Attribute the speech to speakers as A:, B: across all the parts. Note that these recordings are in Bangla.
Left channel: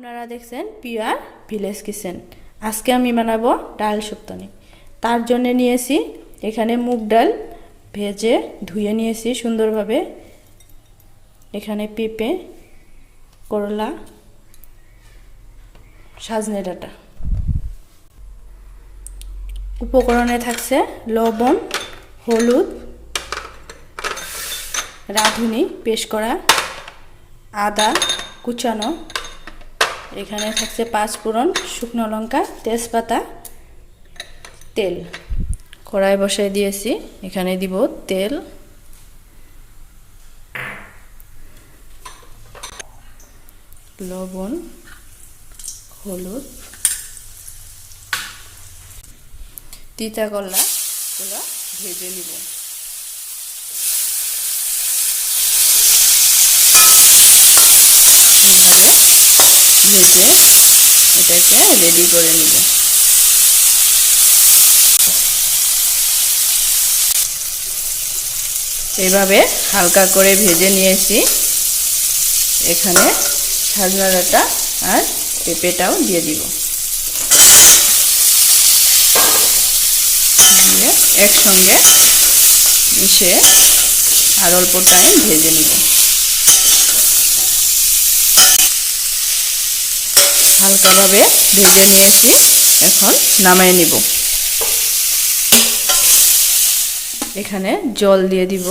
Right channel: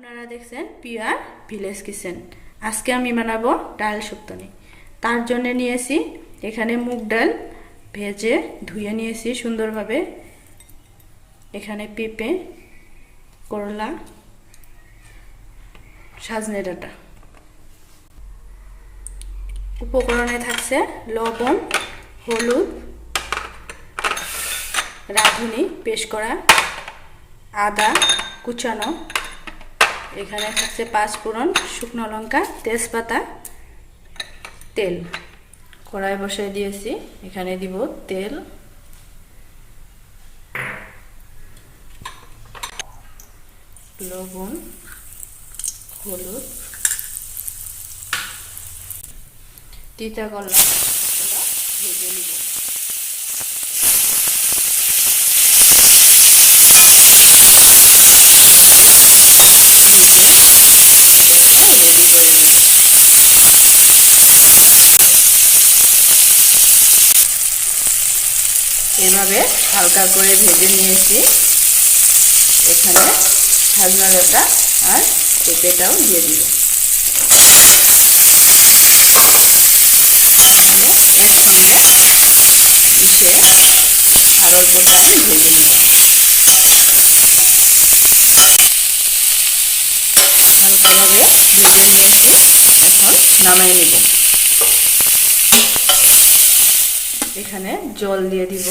A: আপনারা দেখছেন পিওর ভিলেজ কিচেন। আজকে আমি বানাবো ডাল শুক্তনি। তার জন্য নিয়েছি এখানে মুগ ডাল ভেজে ধুয়ে নিয়েছি সুন্দরভাবে। এখানে পেঁপে, করলা, সাজনে ডাঁটা। উপকরণে থাকছে লবণ, হলুদ, রাঁধুনি পেশ করা আদা কুচানো এখানে থাকছে পাঁচ ফোড়ন, শুকনো লঙ্কা, তেজপাতা, তেল। কড়াই বসাই দিয়েছি, এখানে দিব তেল। লবণ, হলুদ। তিতা করলা ভেজে নিব। ভেজে এটাকে রেডি করে নিব এভাবে হালকা করে ভেজে নিয়েছি। এখানে সাজনাটা আর পেঁপেটাও দিয়ে দিব। একসঙ্গে মিশে আর ভেজে নিব। হালকাভাবে ভেজে নিয়েছি। এখন নামাই নিব। এখানে জল দিয়ে দিব।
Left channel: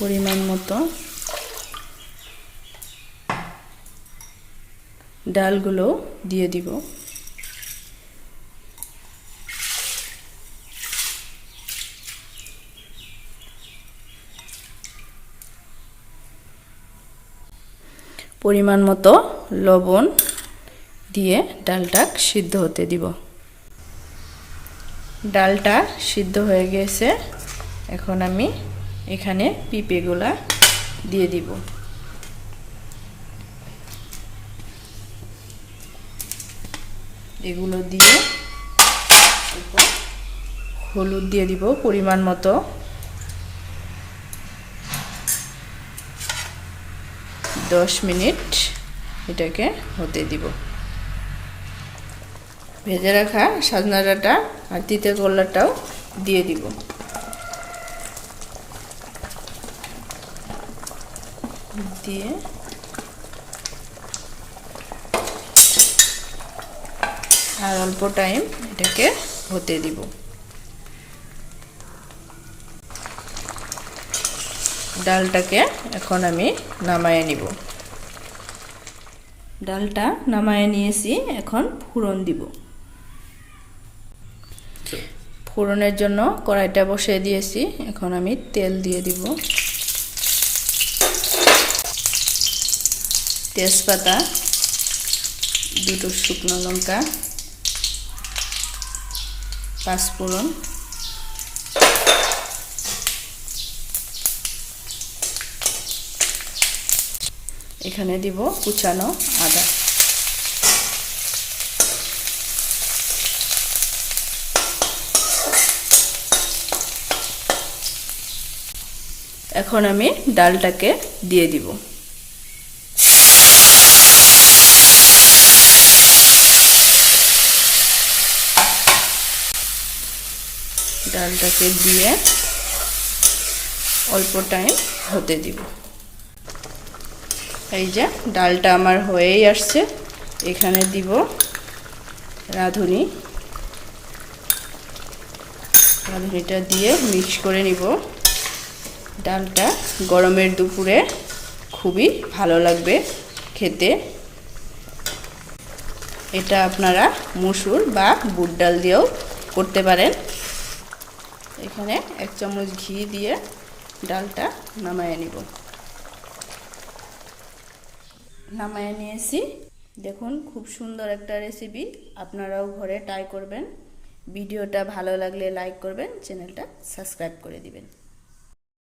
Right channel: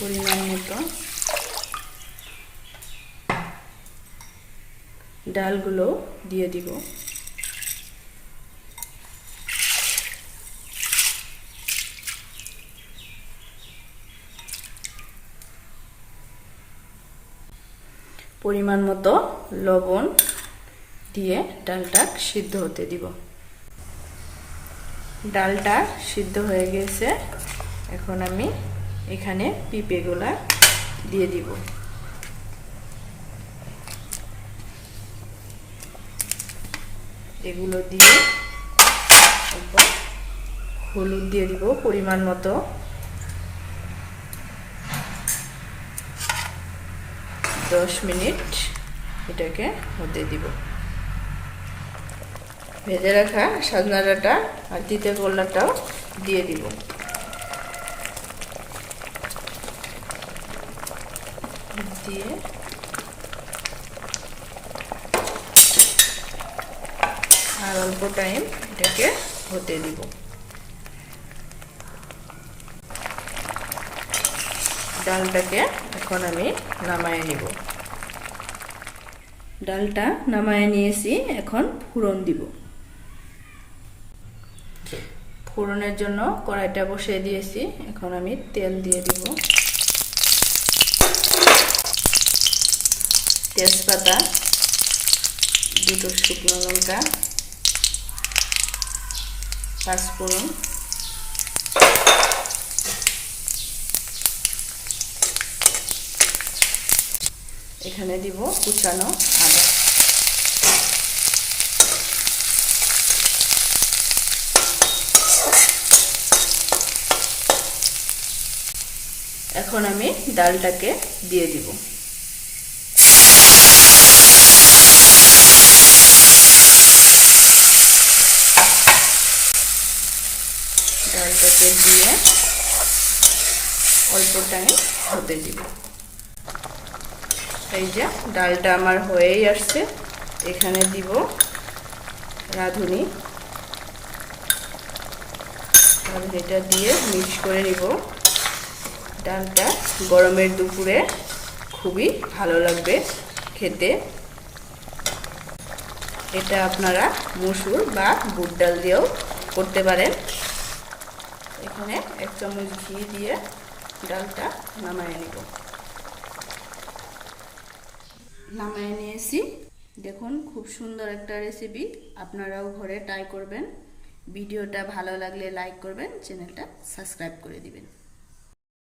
A: পরিমাণ মতো। ডালগুলো দিয়ে দিব। পরিমাণ মতো লবণ দিয়ে ডালটা সিদ্ধ হতে দিব। ডালটা সিদ্ধ হয়ে গেছে। এখন আমি এখানে পিঁপেগুলা দিয়ে দিব। এগুলো দিয়ে হলুদ দিয়ে দিব পরিমাণ মতো। দশ মিনিট এটাকে হতে দিব। ভেজে রাখা সাজনা ডাঁটা আর তিতে করলাটাও দিয়ে দিব। দিয়ে আর অল্প টাইম এটাকে হতে দিব। ডালটাকে এখন আমি নামায় নিব। ডালটা নামায় নিয়েছি, এখন ফোড়ন দিব। ফোড়নের জন্য কড়াইটা বসিয়ে দিয়েছি, এখন আমি তেল দিয়ে দিব। তেজপাতা, দুটো শুকনো লঙ্কা পাঁচফোড়ন এখানে দিব কুচানো আদা। এখন আমি ডালটাকে দিয়ে দিব। ডালটাকে দিয়ে অল্প টাইম হতে দিব। এই যে ডালটা আমার হয়েই আসছে, এখানে দিব রাঁধুনি। রাঁধুনিটা দিয়ে মিক্স করে নিব। ডালটা গরমের দুপুরে খুবই ভালো লাগবে খেতে। এটা আপনারা মুসুর বা বুট ডাল দিয়েও করতে পারেন। এখানে এক চামচ ঘি দিয়ে ডালটা নামায় নিব। নামায় নিয়েছি। দেখুন, খুব সুন্দর একটা রেসিপি আপনারাও ঘরে ট্রাই করবেন। ভিডিওটা ভালো লাগলে লাইক করবেন চ্যানেলটা সাবস্ক্রাইব করে দিবেন।